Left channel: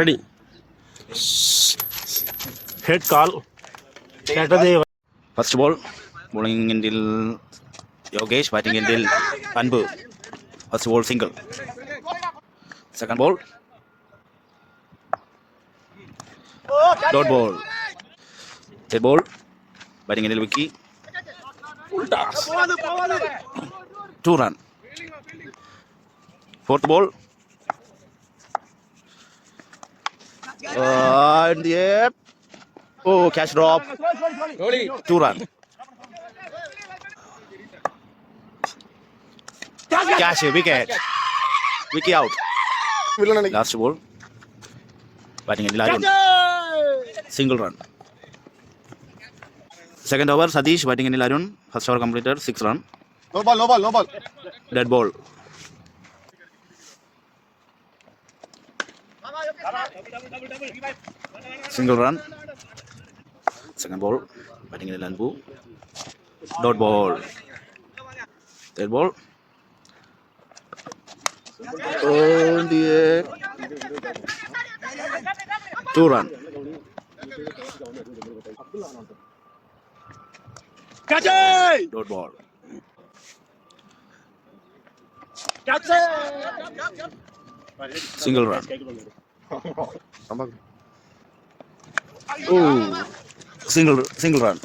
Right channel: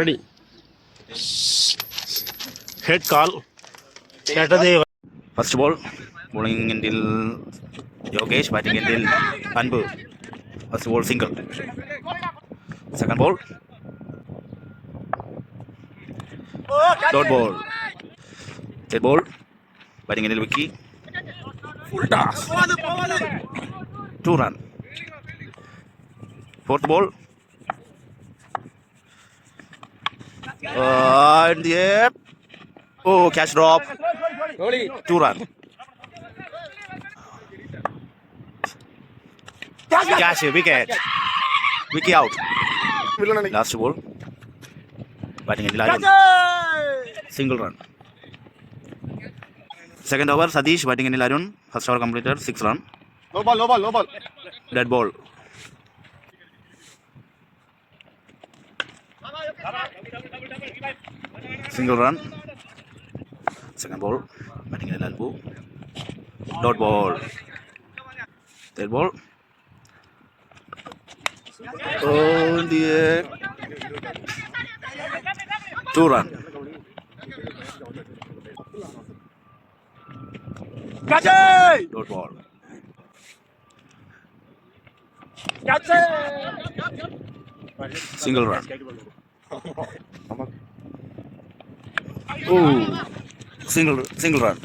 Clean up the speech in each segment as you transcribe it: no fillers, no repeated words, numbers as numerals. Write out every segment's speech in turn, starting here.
Ready. Head call. Saturday. First ball, bowling until Yogesh, batting until Anbu. First ball single. Second ball, dot ball. Third ball, batting until Vicky. Full toss. 2 run. Fourth ball. In the air. Oh, catch drop. 2 run. Catch wicket. Vicky out. Last ball. Batting in Arun. Single run. Second over, Satish batting in Arun. First over completed, 6 run. No ball. Dead ball. Single run. Second ball, batting in Lalbu. Dot ball. Third ball. Oh, in the air. 2 run. Dot ball. Single run. Oh, single run.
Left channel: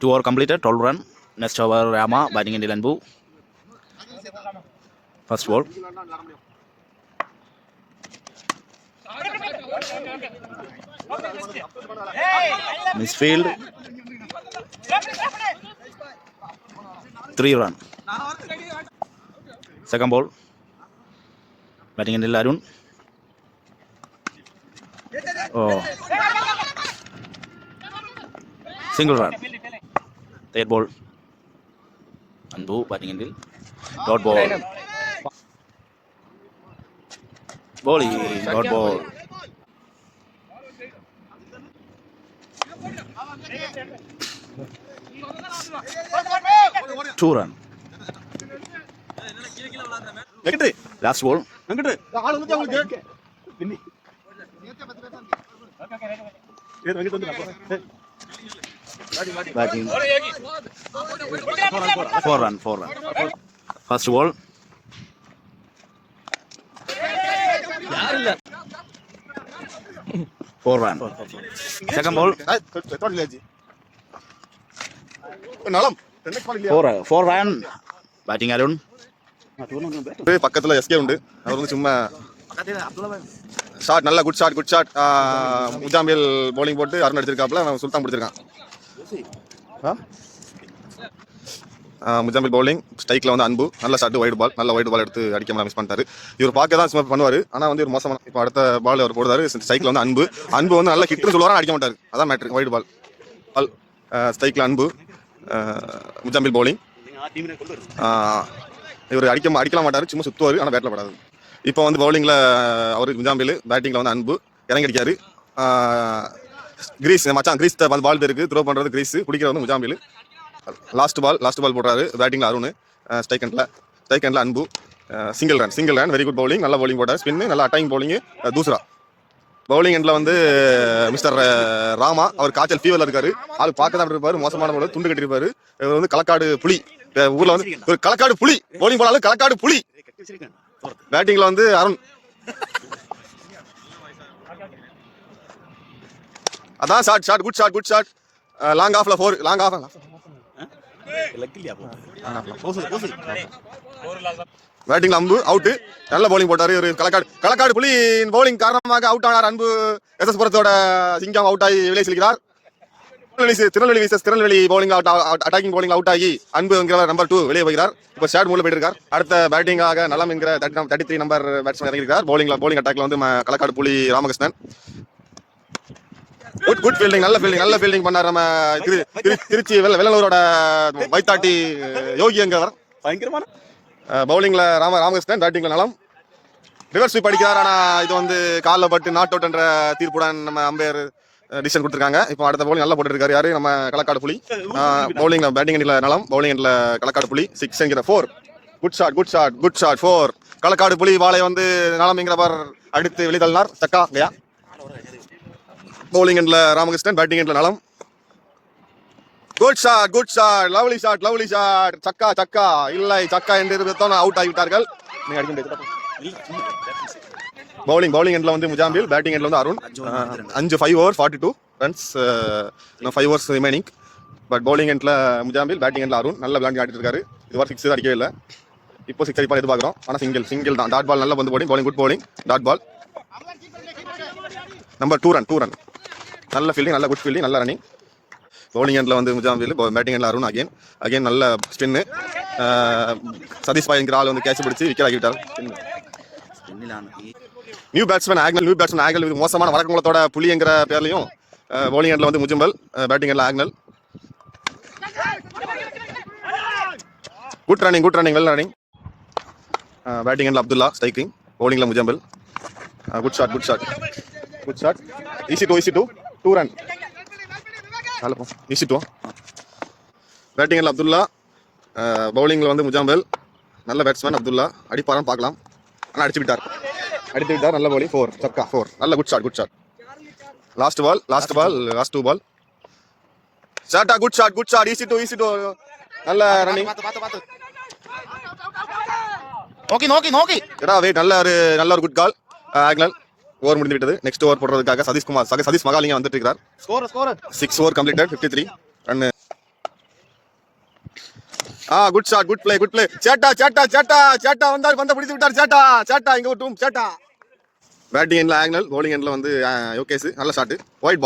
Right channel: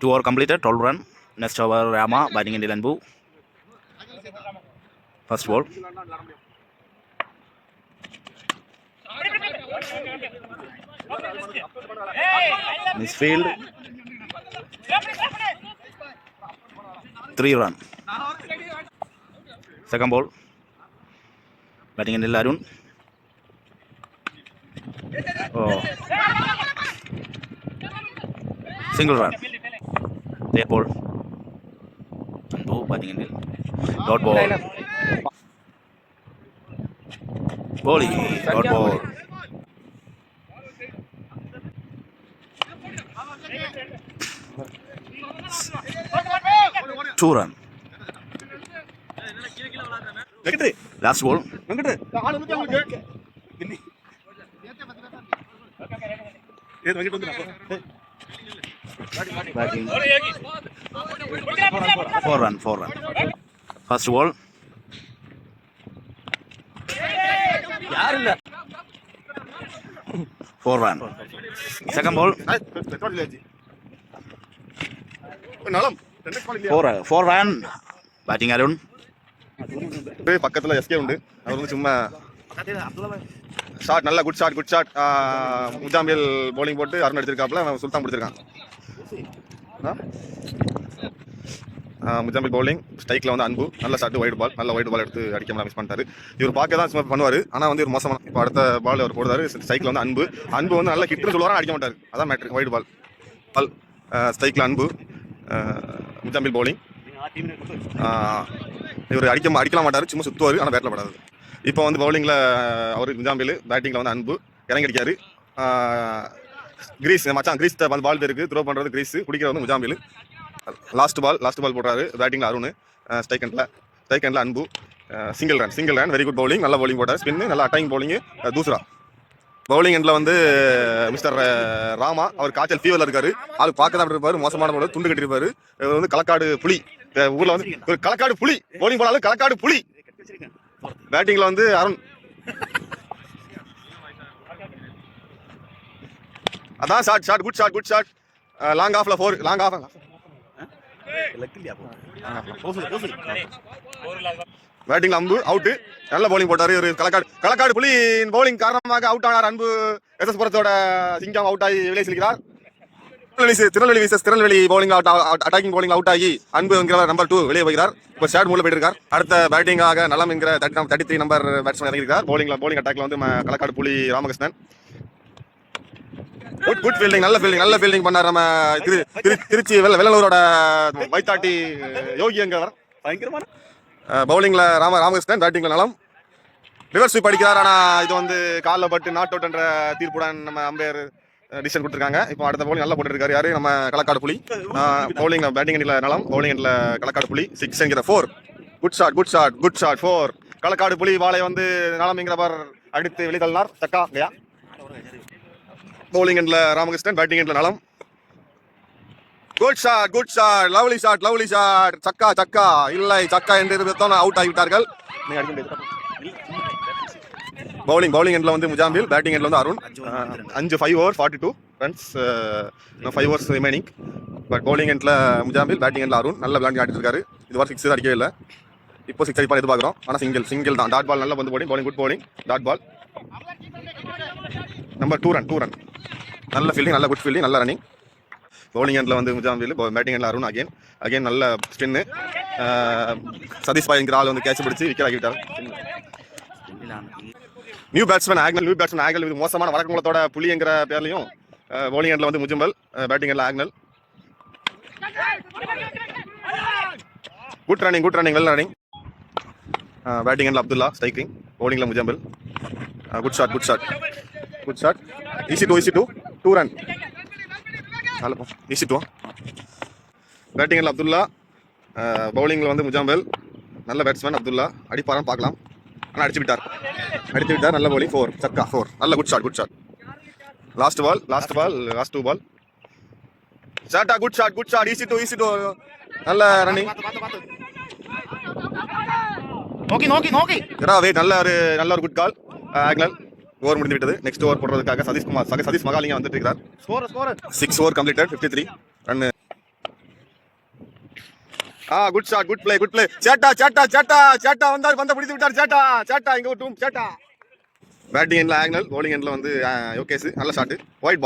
2 over completed, 12 run. Next over Rama batting in Lambu. First ball. Misfield. 3 run. Second ball. Batting in Arun. Oh. Single run. Third ball. Anbu batting in dot ball. Bowling. Dot ball. Two run. Last ball. Batting. 4 run. First ball. Four run. Second ball. 4 run. Batting Arun. பக்கத்துல எஸ்கே உண்டு. அவர் வந்து சும்மா ஷாட், நல்ல good shot. முஜாம்பியல் பவுலிங் போட்டு அருண் எடுத்திருக்காப்புல, சுல்தான் பிடிச்சிருக்கான். முஜாம்பில் பவுலிங் ஸ்ட்ரைக்கில் வந்து அன்பு நல்ல ஷாட், வைடு பால் எடுத்து அடிக்க மிஸ் பண்ணிட்டாரு. இவர் பார்க்க தான் சும்மா பண்ணுவார், ஆனால் வந்து ஒரு மோசமான. இப்போ அடுத்த பால் அவர் போடுறாரு ஸ்ட்ரைக்கில் வந்து அன்பு வந்து நல்ல கிட்னு சொல்லுவாரா, அடிக்க மாட்டார். அதான் மேட்ரு. வைடு பால் ஸ்ட்ரைக்கில் அன்பு. முஜாம்பில் பவுலிங் இவர் அடிக்கலாம் மாட்டார், சும்மா சுற்றுவார், ஆனால் பேட்டில் படாது. இப்போ வந்து பவுலிங்கில் அவருக்கு முஜாம்பில், பேட்டிங்கில் வந்து அன்பு இறங்கி அடிக்காரு. கிரீஸ் அந்த பால் இருக்குது, த்ரோ பண்ணுறது கிரீஸ், பிடிக்கிறது வந்து முஜாம்பில். லாஸ்ட் பால் போடுறாரு பேட்டிங்கில் அருண். ஸ்ட்ரைக் ஹேண்டில் அன்பு. Single run. Very good bowling, நல்ல பவுலிங் போட்டார். ஸ்பின்னு நல்ல அட்டாக்கிங் பவுலிங்கு. தூசரா பவுலிங் எண்டில் வந்து மிஸ்டர் ராமா, அவர் காய்ச்சல் ஃபீவரில் இருக்காரு. அது பார்க்க தான் இருப்பார், மோசமான போல துண்டு கட்டிருப்பாரு. இவர் வந்து களக்காடு புலி, ஊரில் வந்து ஒரு களக்காடு புலி. பவுலிங் போனாலும் களக்காடு புலி. பேட்டிங்கில் வந்து அருண். அதான் ஷாட், குட் ஷாட். லாங் ஆஃப்ல 4. பேட்டிங்ல அம்பு அவுட். நல்ல பவுலிங் போட்டாரு. ஒரு களக்காடு புலி பவுலிங் காரணமாக அவுட் ஆனார் அன்பு. எஸ்எஸ் புரத்தோட சிங்கம் அவுட் ஆகி வெளியே செல்கிறார். Tirunelveli bowling attacking bowling out ஆகி அன்பு என்கிற நம்பர் 2 வெளியே போகிறார். இப்போ ஷாட் மூலம் போயிட்டு இருக்கார். அடுத்த பேட்டிங்காக நலம் என்கிற 33 நம்பர் பேட்ஸ்மேன் இறங்கியிருக்கார். பவுலிங் அட்டாக்ல வந்து களக்காடு புலி ராமகிருஷ்ணன். குட் ஃபீல்டிங், நல்ல ஃபீல்டிங் பண்ணார் நம்ம திருச்சி வெள்ளலூரோட வைத்தாட்டி யோகி என்கிறவர். பயங்கரமான பவுலிங்ல ராமகிருஷ்ணன், பேட்டிங்ல நலம். ரிவர்ஸ் ஸ்வீப் அடிக்கிறார், ஆனால் இது வந்து காலில் பட்டு நாட் அவுட் என்ற தீர்ப்புடன் நம்ம அம்பையர் டிசிஷன் கொடுத்துருக்காங்க. இப்போ அடுத்த பவுலிங் நல்லா போட்டுருக்காரு யாரு, நம்ம களக்காடு புலி. பவுலிங்ல பேட்டிங் எண்டில் நலம், பவுலிங் எண்டில் களக்காடு புலி. 6 என்கிற 4. Good shot 4. களக்காடு புலி வாளை வந்து நலமிங்கிறவர் அடித்து வெளிதள்ளினார். சக்கா இல்லையா? பவுலிங் எண்ட்ல ராமகிருஷ்ணன், பேட்டிங் எண்ட்ல நலம். Good shot, lovely shot. சக்கா இல்லை, சக்கா என்று அவுட் ஆகிவிட்டார்கள். பவுலிங் எண்ட்ல வந்து முஜாம்பில், பேட்டிங் எண்ட்ல வந்து Arun. 5 overs 42 runs, 5 overs remaining. But bowling எண்ட்ல முஜாம்பில், பேட்டிங் எண்ட்ல அருண். நல்ல விளையாண்டு ஆடிட்டு இருக்காரு. இதுவரை 6 அடிக்கவே இல்லை. இப்போ 6 அடிப்பால் எதிர்பார்க்குறோம். ஆனால் சிங்கிள் தான். டாட் பால் நல்ல வந்து bowling good bowling. Dot ball number 2 run. நல்ல ஃபீல்டிங், நல்ல குட் ஃபீல்டிங், நல்ல ரன்னிங். பவுலிங் எண்ட்ல வந்து முஜாம்பில், பேட்டிங் எண்ட்ல அருண். அகைன் நல்ல ஸ்பின்னு. சதீஷ் பாய் என்கிற ஆள் வந்து கேட்ச் பிடிச்சி விக்கெட் ஆகிவிட்டார். New batsman Agnel. இது மோசமான வழக்கங்களோட புலி என்கிற பேர்லையும். பவுலிங் எண்ட்ல வந்து முஜம்பல், பேட்டிங் எண்ட்ல Agnel. Good running, well running. Batting எண்ட்ல அப்துல்லா, ஸ்ட்ரைக்கிங். பவுலிங்ல Mujambal. Good shot. Easy two 2 run. Easy 2. பேட்டிங் எண்ட்ல அப்துல்லா, பவுலிங்ல வந்து முஜாம்பல். நல்ல பேட்ஸ்மேன் அப்துல்லா. அடிப்பாரான்னு பார்க்கலாம். ஆனால் அடித்து விட்டார். நல்ல பவுலிங். 4 சக்கா 4. நல்ல good shot. Last two ball. ஷாட்டா குட் ஷாட். Easy two. நல்ல ரன்னிங். நோக்கி வெயிட். நல்ல ஒரு குட் கால். ஆக்னல். ஓவர் முடிந்து விட்டது. நெக்ஸ்ட் ஓவர் போடுறதுக்காக சதீஷ் மகாலிங்கம் வந்துட்டு இருக்கிறார். 6 over completed, 53 run. Good shot, good play. சேட்டா வந்தார், பந்த பிடித்து விட்டார். சேட்டா இங்க ஒரு டூம். சேட்டா. பேட்டிங் எண்ட்ல ஆக்னல், பவுலிங் எண்ட்ல வந்து யோகேஷ். நல்ல shot. White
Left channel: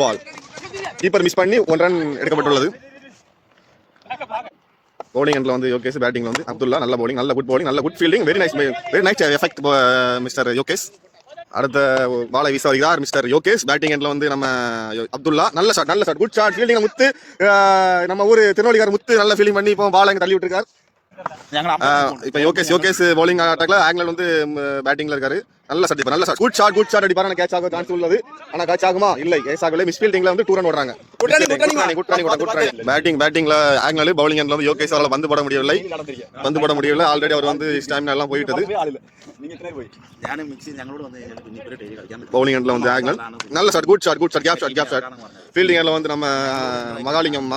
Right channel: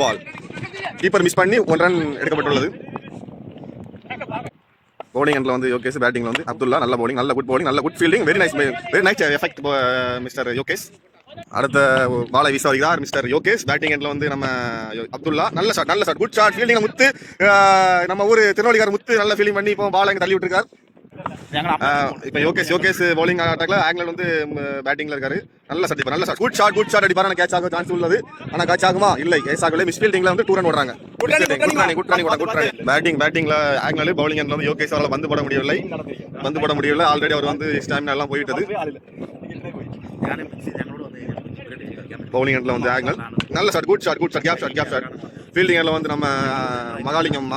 ball. Keeper miss பண்ணி 1 run எடுக்கப்பட்டுள்ளது. பவுலிங் எண்ட்ல வந்து யோகேஷ், பேட்டிங்ல வந்து அப்துல்லா. நல்ல பவுலிங், நல்ல குட் பவுலிங், நல்ல good fielding. Very nice effect mister Yogesh. அடுத்த பாலை வீச வருகிறார் மிஸ்டர் யோகேஷ். பேட்டிங் எண்ட்ல வந்து நம்ம அப்துல்லா. நல்ல ஷாட், குட் ஷாட். ஃபீல்டிங் முத்து, நம்ம ஊர் திருநெல்வேலிக்கார முத்து நல்ல ஃபீல்டிங் பண்ணி இப்போ பால் எங்க தள்ளி விட்டுருக்காரு. இப்போ யோகேஷ் பவுலிங் அட்டாக்ல, ஆக்னல் வந்து பேட்டிங்ல இருக்காரு. நல்ல ஷாட், குட் ஷாட் அடிப்பாரு. கேட்ச் ஆக சான்ஸ் உள்ளது. ஆனா கேட்ச் ஆகுமா? இல்லை, கேட்ச் ஆகல. மிஸ் ஃபீல்டிங்ல வந்து 2 run ஓடுறாங்க. Good running. பேட்டிங்ல ஆக்னல், பவுலிங் எண்ட்ல வந்து யோகேஷ் அவரால் பந்து போட முடியவில்லை. ஆல்ரெடி அவர் வந்து ஸ்டாமினா எல்லாம் போயிட்டது. பவுலிங் எண்ட்ல வந்து ஆக்னல். நல்ல shot, good shot. Gap shot. Fielding எண்ட்ல வந்து நம்ம மகாலிங்கம்.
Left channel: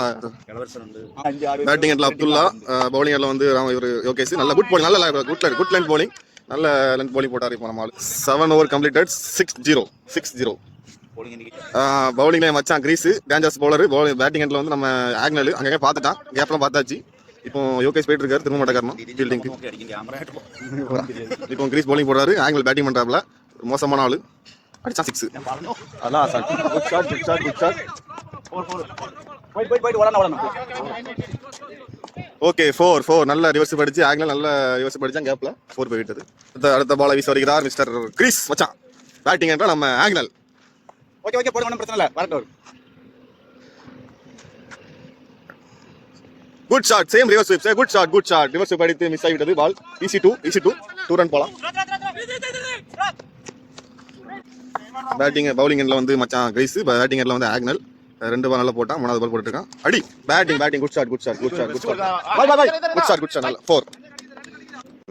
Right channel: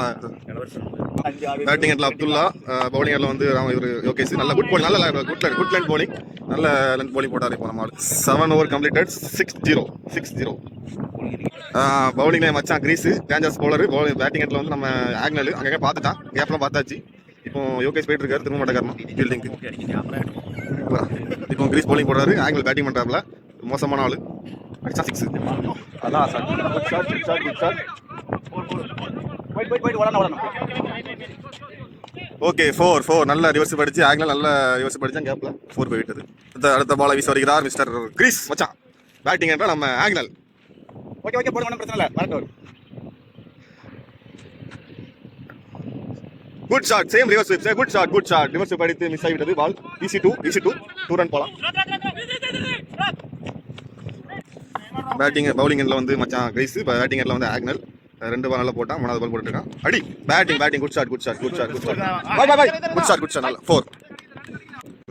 பேட்டிங் எண்ட்ல அப்துல்லா, பவுலிங் எண்ட்ல வந்து இவர் யோகேஷ். நல்ல குட் பவுலிங், நல்ல குட் லென்த் பவுலிங். நல்ல லென்த் பவுலிங் போட்டார் இப்போ நம்ம. 7 over completed, 6-0. பவுலிங்ல மச்சான் கிரீஸ், டேஞ்சர்ஸ் பவுலர். பேட்டிங் எண்ட்ல வந்து நம்ம ஆக்னல். அங்கே பார்த்துட்டான், கேப்லாம் பார்த்தாச்சு. இப்போ யோகேஷ் போயிட்டு இருக்காரு திரும்ப மாட்டேக்காரமா ஃபீல்டிங்க்கு. இப்போ கிரீஸ் பவுலிங் போடுறாரு, ஆக்னல் பேட்டிங் பண்றாப்ல. மோசமான ஆளு. அடிச்சா 6. அதான் குட் ஷாட். ஓகே 4. நல்ல ரிவர்ஸ் படிச்சு ஆக்னல், நல்ல ரிவர்ஸ் படிச்சான். கேப்ல 4 போய்விட்டது. அடுத்த பாலை வீச வருகிறார் மிஸ்டர் கிரீஸ் மச்சான். பேட்டிங் என்றால் நம்ம ஆக்னல். ஓகே போடுங்க, ஒன்றும் பிரச்சனை இல்லை. வரட்டும். Good shot, same reverse sweep. Good shot. Reverse sweep அடித்து மிஸ் ஆகிவிட்டது. பால் ஈஸி 2 run போலாம். பவுலிங் எண்ட்ல வந்து மச்சான் கிரீஸ், பேட்டிங் எண்ட்ல வந்து ஆக்னல். 2 பால் நல்லா போட்டான். 3வது பால் போட்டுருக்கான். அடி. Batting good shot. நல்ல 4.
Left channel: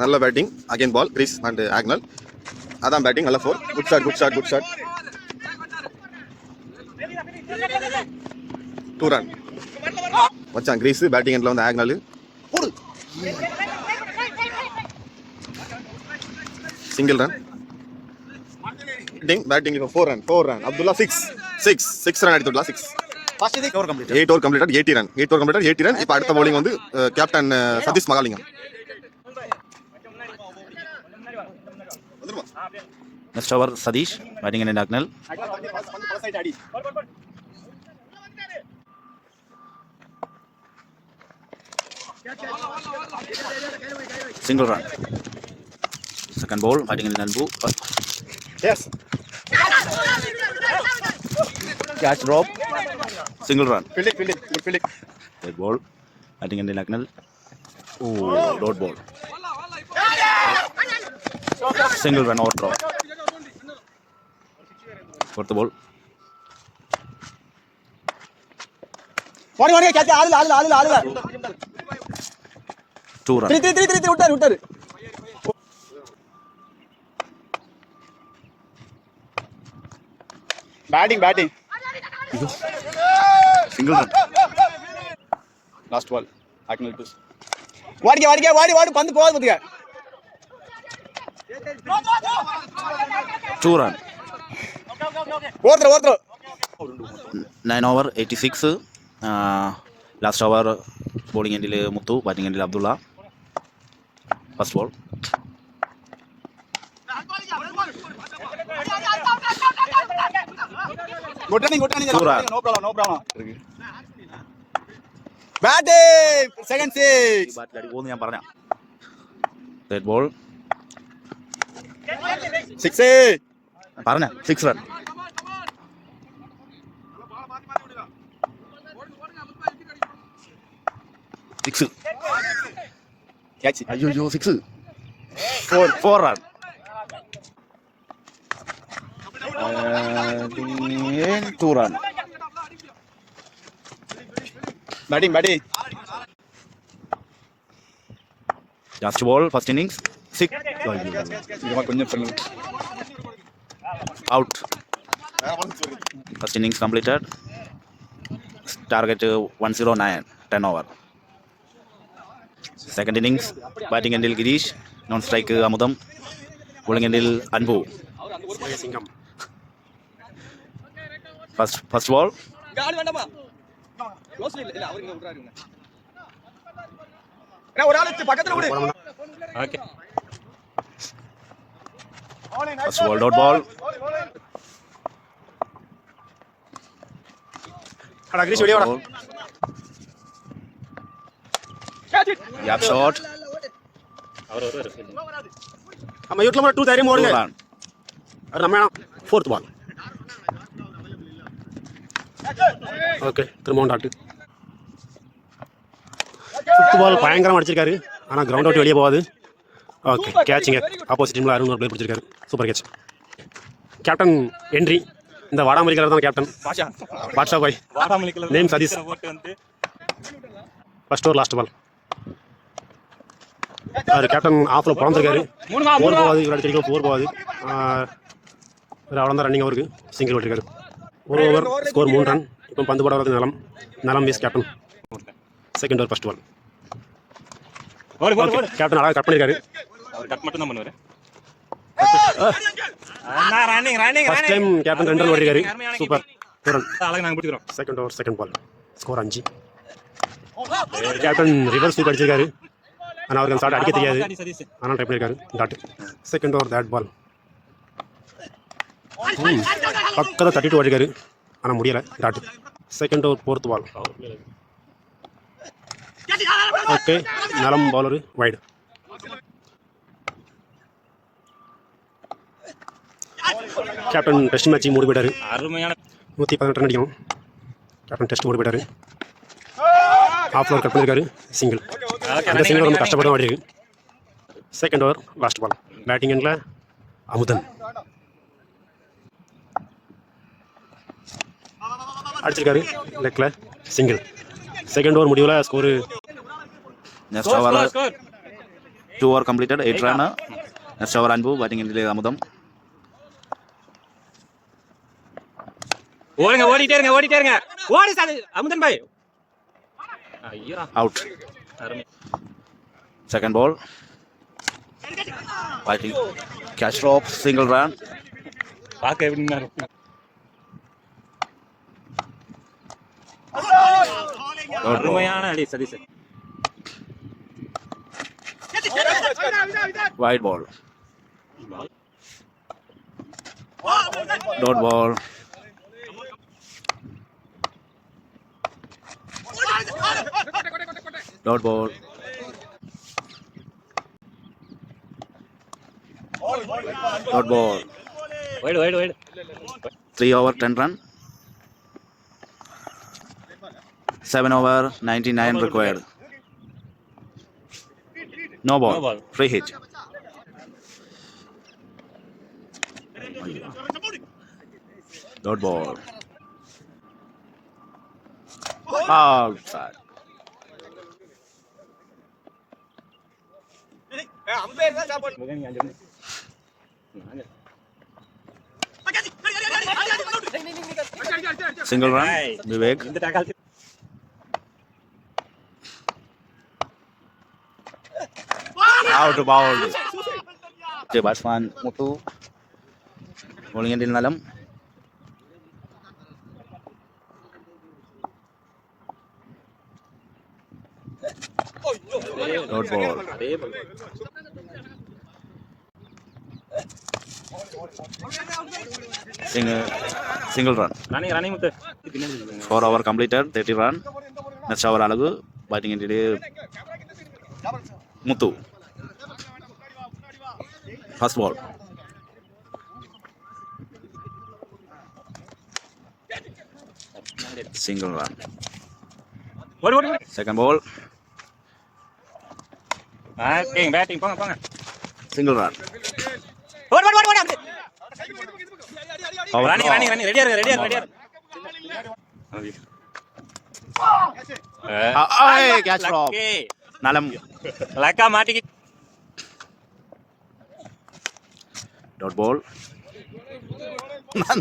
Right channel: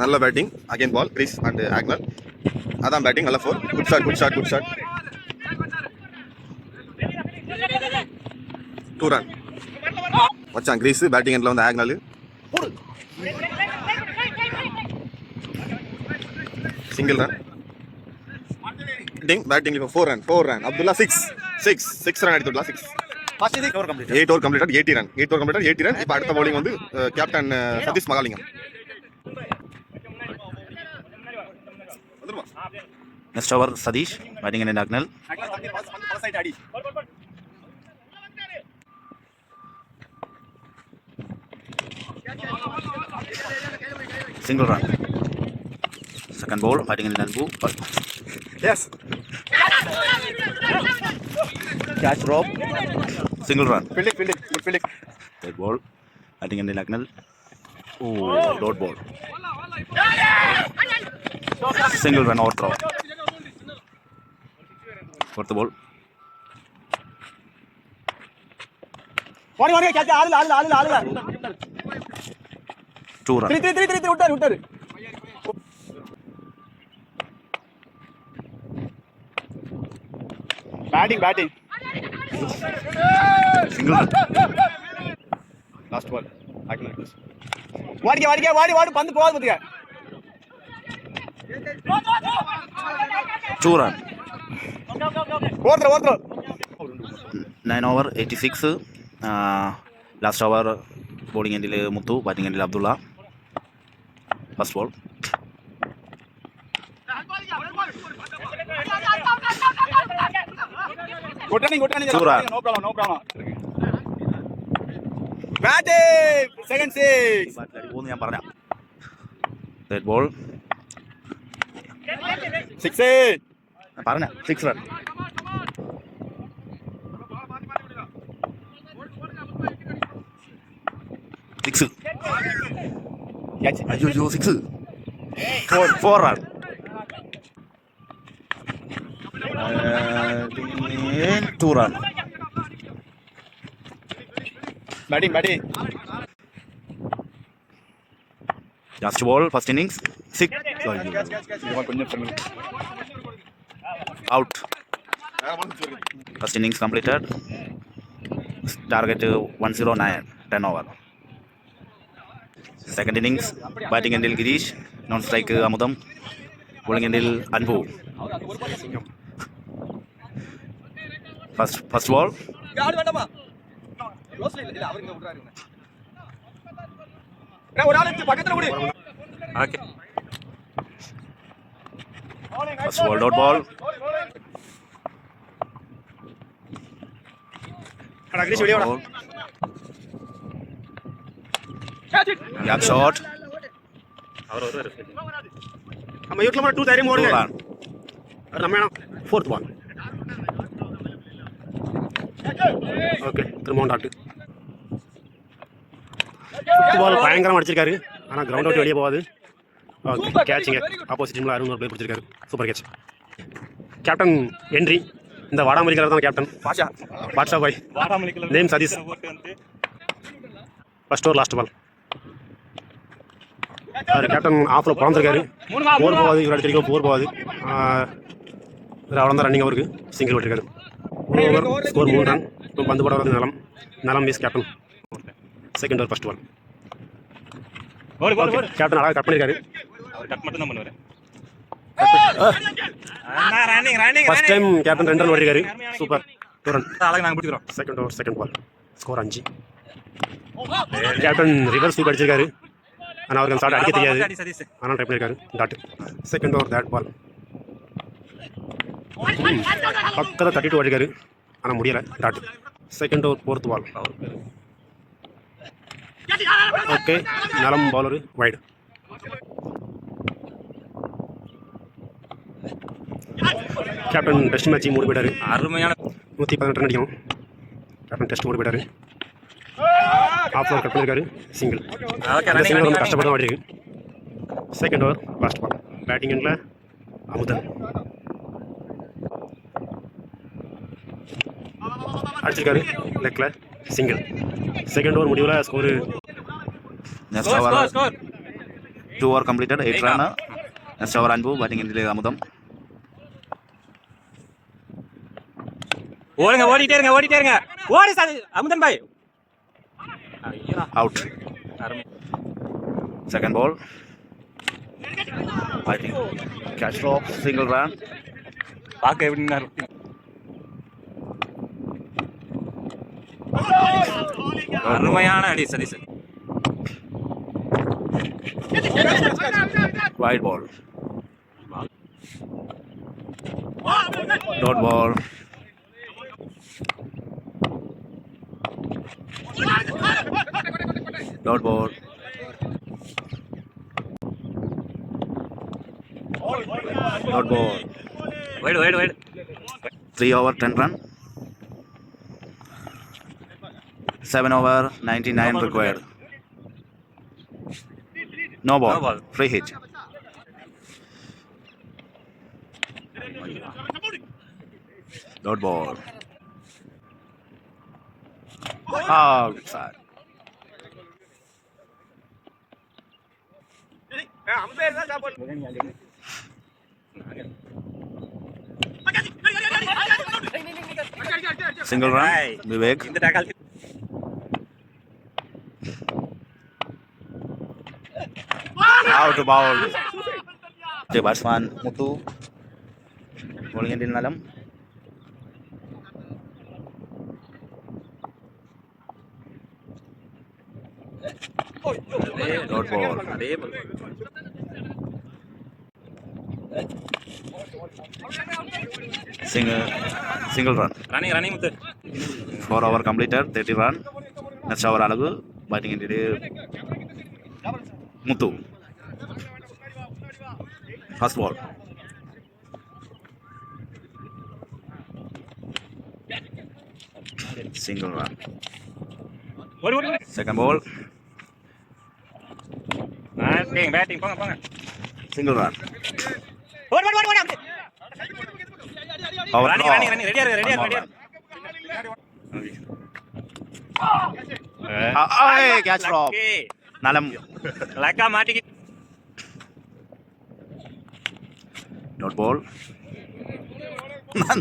நல்ல batting. Again ball crease and Agnel. அதான் பேட்டிங். நல்ல 4. Good shot. 2 run. மச்சான் கிரீஸ், பேட்டிங் எண்ட்ல வந்து Agnel. Single run. Batting 4 run. Abdullah 6 run எடுத்துடலாம். 8 over completed, 80 run. இப்போ அடுத்த பவுலிங் வந்து captain Satish Mahalingam. Next over Satish, batting and Agnel. Single run. Second ball, fighting in Nanbu. Yes. Catch drop. Single run. Fielding. Third ball, fighting in Nagnal. Oh, dot ball. Single run out drop. Fourth ball. Two run. 3 விட்டாரு. Batting Single run. Last ball Agnel push வாடி பந்து போகாது பாத்துக்க 2 run. ஓத்ரோ 9 over 86. Last over bowling endil Muthu, batting endil Abdullah. First ball. good running 2 run. no problem batting second six ഞാൻ പറഞ്ഞ third ball. six പറഞ്ഞ 6 run. Six. catch അയ്യോ 6. 4 run. Again 2 run. batting Last ball, first innings. 6. கொஞ்சம் சொல்லுங்க Out. First innings completed. Target 109. 10 over. Second innings, batting endil Girish. Non-strike Amudam. Bowling endil Anbu. First ball. First ball, dot ball. Dot ball. Gap shot. நம்ம யூட்ல 2 தைரியம் 2 ஓடுங்க run. அது நம்ம fourth ball okay திரும்ப tattoo fifth பால் பயங்கரமாக அடிச்சிருக்காரு ஆனால் கிரவுண்ட் அவுட் வெளியே போகாது ஓகே கேட்சுங்க ஆப்போசிட் டீமில் அருண் ஒரு பிளே பிடிச்சிருக்காரு சூப்பர் கேட்ச் கேப்டன் என்ட்ரி இந்த வாடாமல்லி கலர் தான் captain Badsha bhai name Satish first over last ball அது கேப்டன் ஆஃபில் பிறந்திருக்காரு போர் போகாது இவர் அடிச்சிருக்கோம் போர் போகாது அவ்வளோ தான் ரன்னிங் அவருக்கு சிங்கிள் விட்டுருக்காரு ஒரு ஓவர் ஸ்கோர் 3 ரன் இப்போ பந்து போட வரது நலம் வீஸ் captain second over first ball okay captain அழகாக கட் பண்ணியிருக்காரு ஃபர்ஸ்ட் டைம் கேப்டன் 2 ரன் ஓடிருக்காரு super 2 run second over second ball score 5 captain reverse sweep அடிச்சிருக்காரு ஆனால் அவருக்கு அந்த ஷாட் அடிக்க தெரியாது ஆனால் ட்ரை பண்ணியிருக்காரு டாட் செகண்ட் ஓவர் தேட் பால் பக்கத்தில் தட்டிட்டு ஓடிருக்காரு ஆனால் முடியலை dot second over fourth ball okay நலம் bowler wide captain test matching மூடி போயிட்டாரு அருமையான 118 ரன் அடிக்கணும் கேப்டன் டெஸ்ட் மூடி போயிட்டாரு ஆஃப் ஓவர் கட் பண்ணியிருக்காரு சிங்கிள் அந்த சிங்கிள் ரொம்ப கஷ்டப்பட்டு தான் ஆடிருக்கு second over last ball batting எண்டில் அமுதன் அடிச்சிருக்காரு லெக்கில் சிங்கிள் செகண்ட் ஓவர் முடிவில் score next over 2 over completed 8 run. Next over Anbu batting endil Amudam. ஓடிட்டே இருங்க ஓடி சார் அமுதன் பாய் Out. Second ball. Batting catch drop single run. பாக்க எப்படின்னா அருமையான அடி Satish Wide ball. Dot ball. Dot ball. Dot ball. Wide 3 over 10 run. 7 over 99 required. No ball. Free hit. Dot ball. Outside. Single run. Vivek. இந்த tackle Out ball. The batsman Muthu. Bowling endil Nalam. Dot ball. Single run. Running Muthu 4 over completed. 30 run. Next over Alagu. Batting endil Muthu. First ball. Single run. ஓடு Second ball. Batting போங்க Single run. ஓடு Power running draw. ரெடியா இரு Catch drop. Nalam. லக்கா மாட்டிக்கி Dot ball.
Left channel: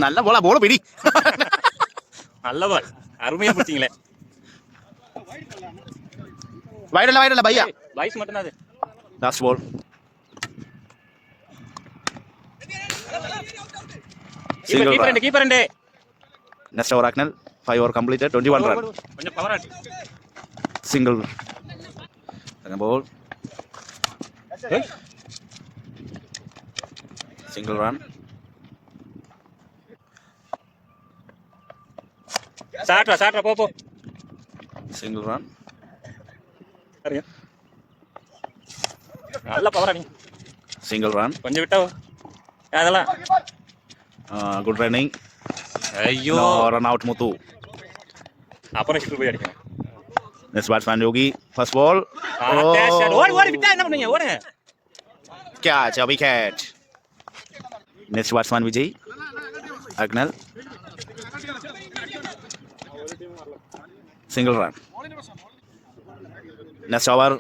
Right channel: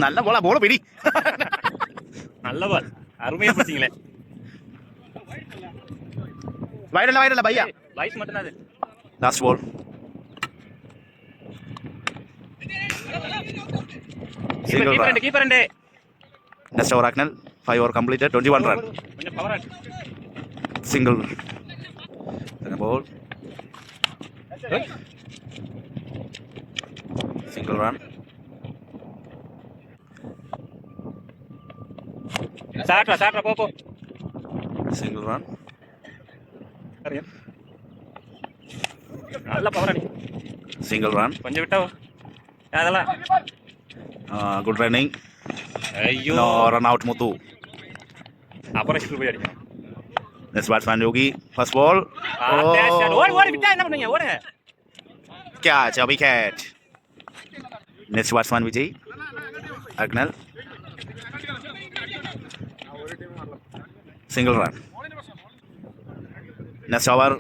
நல்ல போல போல பிடி. நல்ல பால் அருமையா பிடிச்சீங்களே வைடல பையா. லைஸ் மட்டும் அது Last ball. Single run. Keeper ரெண்டு Next over Agnel. 5 over completed. 21 run. கொஞ்சம் பவர் ஆச்சு Single. Second ball. Single run. சாட்ரா போ Single run. நல்ல பவர் அடி Single run. கொஞ்சம் விட்டா அதெல்லாம் Good running. ஐயோ No run out Muthu. அப்புறம் போய் அடிக்கணும் Next batsman Yogi. First ball. ஓடி விட்டா என்ன பண்ணுவீங்க ஓடுங்க Catch a wicket. Next batsman Vijay. Agnel. Single run. Next over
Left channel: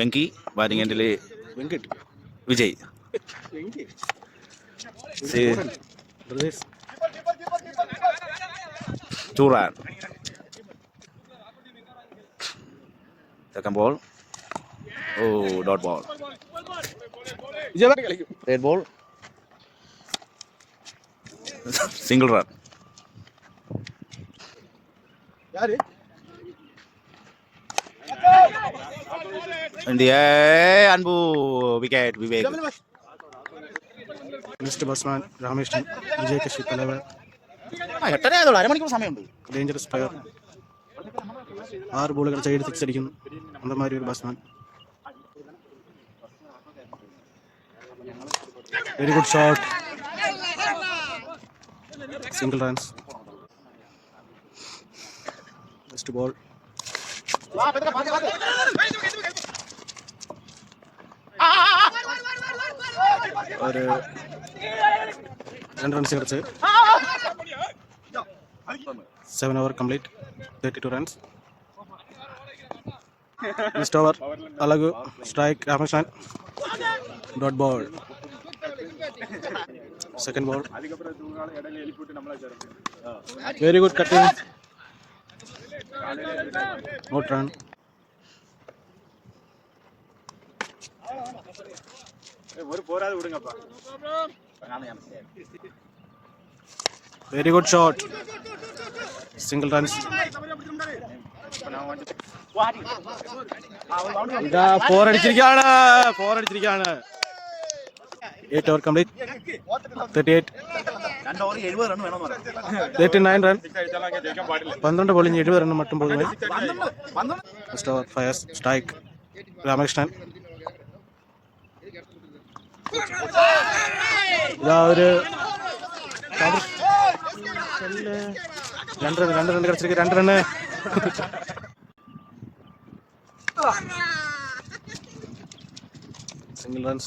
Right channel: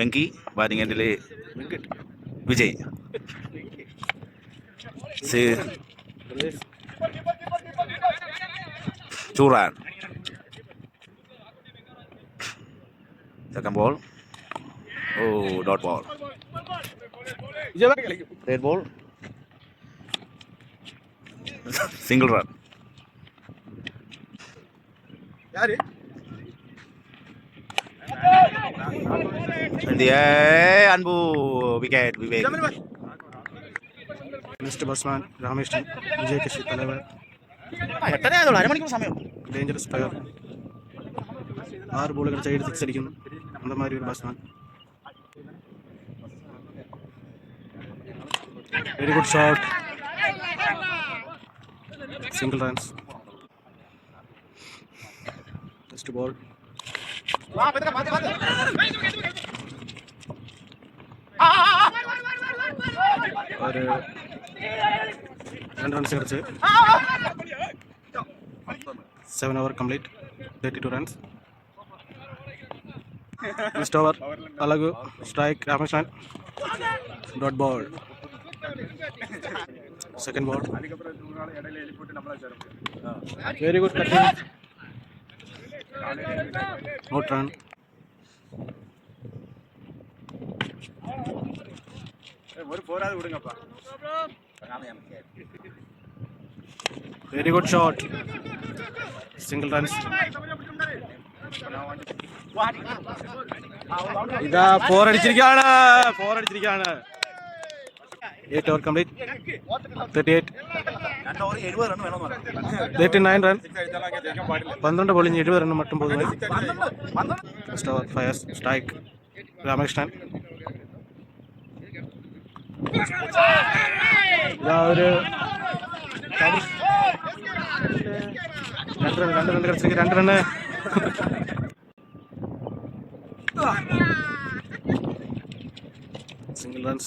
Venki. Batting and delay. Vijay. See. 2 run. Second ball. Oh, dot ball. Red ball. Single run. In the air, Anbu wicket, Vivek. Next batsman Rameshtan Vijay Kashi தலைவர் dangerous player 6 bowler side 6 அடிக்கும் அந்த மாதிரி ஒரு batsman very good shot single runs next ball ஒரு 2 runs கிடைச்சு 7 over complete 32 runs next over Alagu strike Rameshtan dot ball second ball very good cutting not run very good shot single runs ഇതാ 4 അടിച്ചിരിക്കുകയാണ് 8 over complete 38 39 run 12 bowling 70 run மட்டும் போதுமே first over fires strike Rameshtan ഇതാ ഒരു രണ്ട് റൺ കിടച്ചിരിക്കും 2 run single runs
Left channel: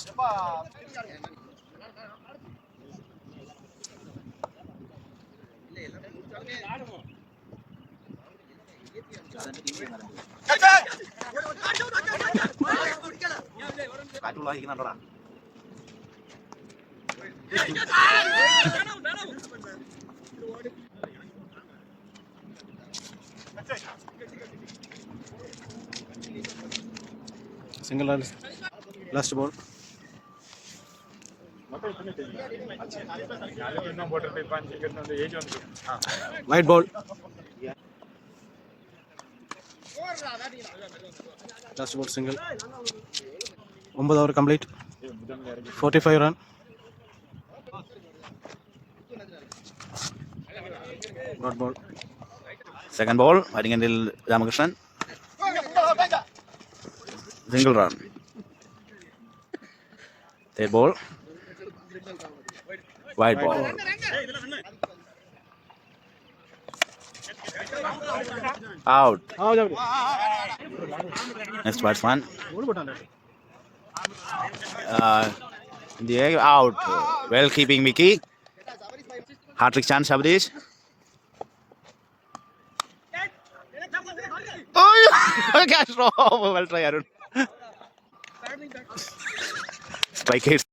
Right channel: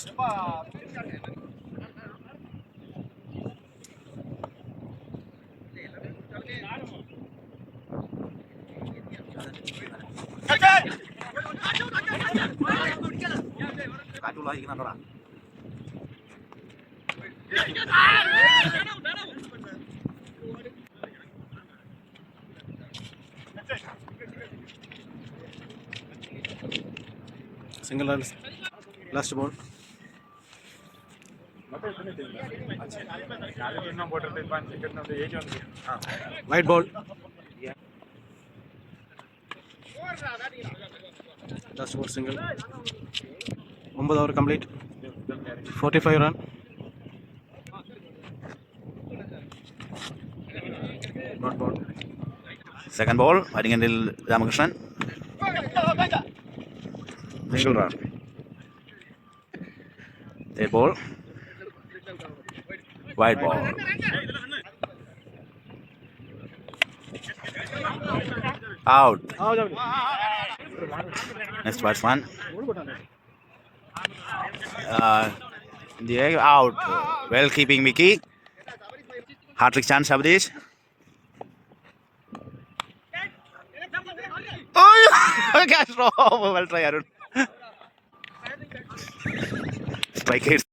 Single run. Last ball. White ball. Last ball single. 9 over complete. 45 run. Not ball. Second ball, batting until Ramakrishnan. Single run. Third ball. Wide ball. Out. Next batsman. In the air, out. Well keeping Mickey. Hat-trick chance, Abdish. Oh, catch. Well try, Arun. Strike hits.